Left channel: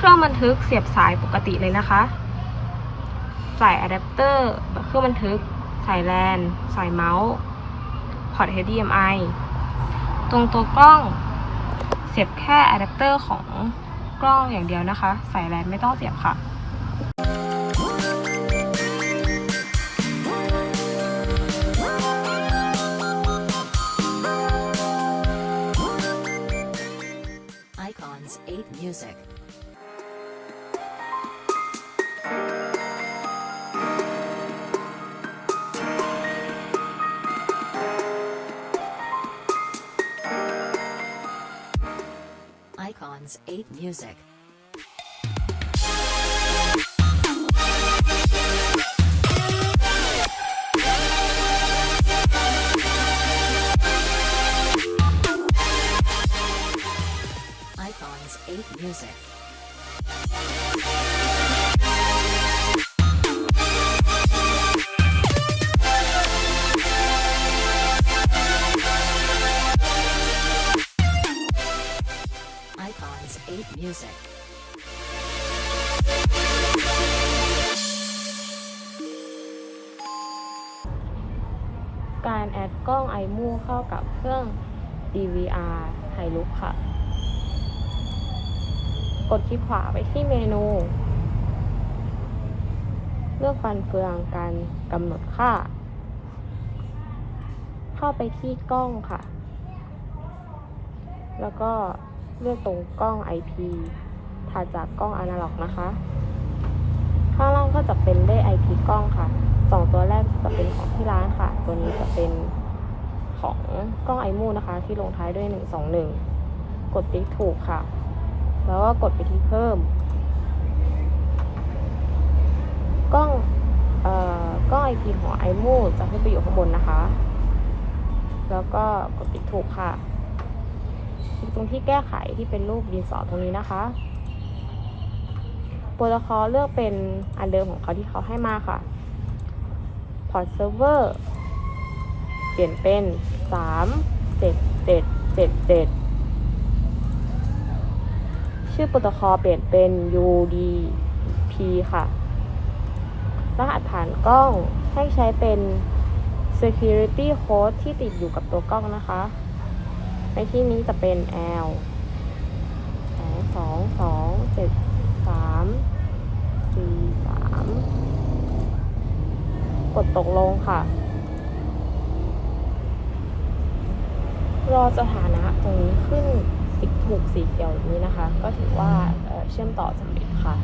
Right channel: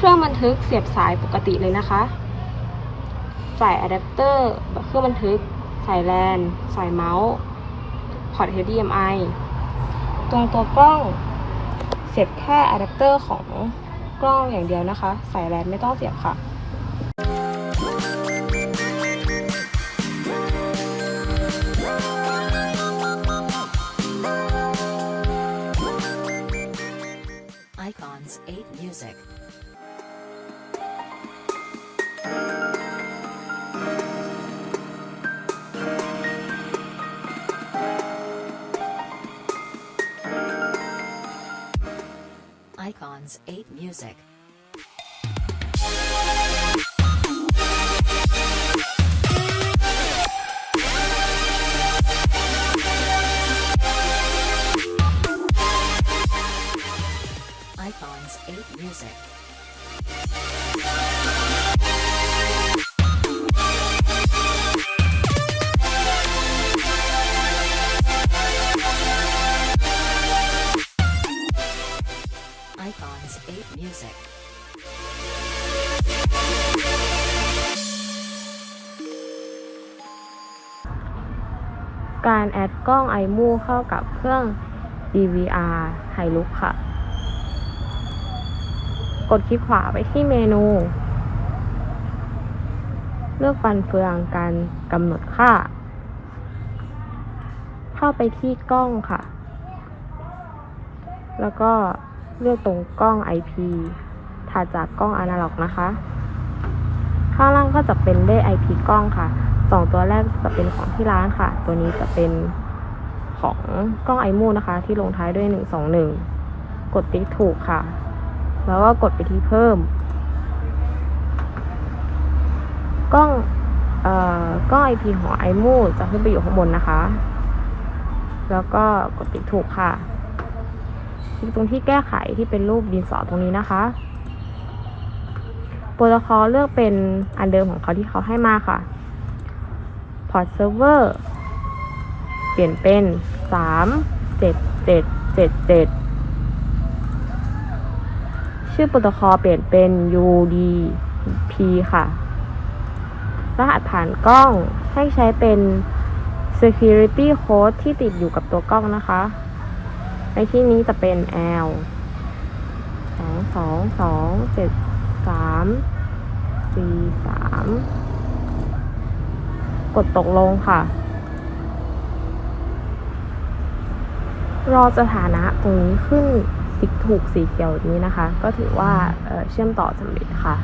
เครื่องบันทึกเสียบสายปกติเลยนะคะ สายอะแดปเตอร์เครื่องบันทึก สายแลน สายเมาส์พอร์ต HDMI ตรงตัวกล้องเสียบแค่อะแดปเตอร์ของกล้องอย่างเดียวนะคะ สายแลนไม่ต้องเสียบค่ะ8 Music. Icons 8 Music. Icons 8 Music. Icons 8 Music. การแอดกล้อง iMove เข้ากับเครื่อง DVR ไฮลุกค่ะ กดคลิกขวาไปที่เมนู เลือกฟันเฟืองการกำหนดค่า เข้าไปที่กล้องค่ะ แล้วก็ เลือกตรงกล้อง IP ถัดจากกล้องอนาล็อกนะคะ ข้างล่างก็จะเป็นเลข IP กล้องค่ะสองตัวแรกจะเป็นของที่ร้านค่ะ ตัวนี้จะเป็นของกล้องไอมูนะคะ ที่ลงท้ายด้วย 121 กดติ๊กถูกค่ะ แล้วก็กดไปที่เพิ่ม กล้องเอ่อกล้อง IP ของไอมูจะขึ้นไปอยู่ข้างบนนะคะ แล้วก็กดติ๊กถูกค่ะ คลิกตรงที่แก้ไขที่เป็นรูปดินสอตรงนี้นะคะโปรโตคอลเลือกเป็นอันเดิมของเขาที่เขาให้มาค่ะพอร์ตเซิร์ฟเวอร์เปลี่ยนเป็น 3 7 7 7 7 ชื่อโปรโตคอลเปลี่ยนเป็น UDP ค่ะ รหัสผ่านกล้องให้ใช้เป็น security code ที่ติดอยู่กับตัวกล้องนะคะ ในที่นี้จะเป็น L 2 2 2 7 3 4 3กดตกลงค่ะ รอสถานะตรงนี้ขึ้นติ๊กถูกสีเขียวนี้นะคะ ก็ถือว่าเเชื่อมต่อสำเร็จค่ะ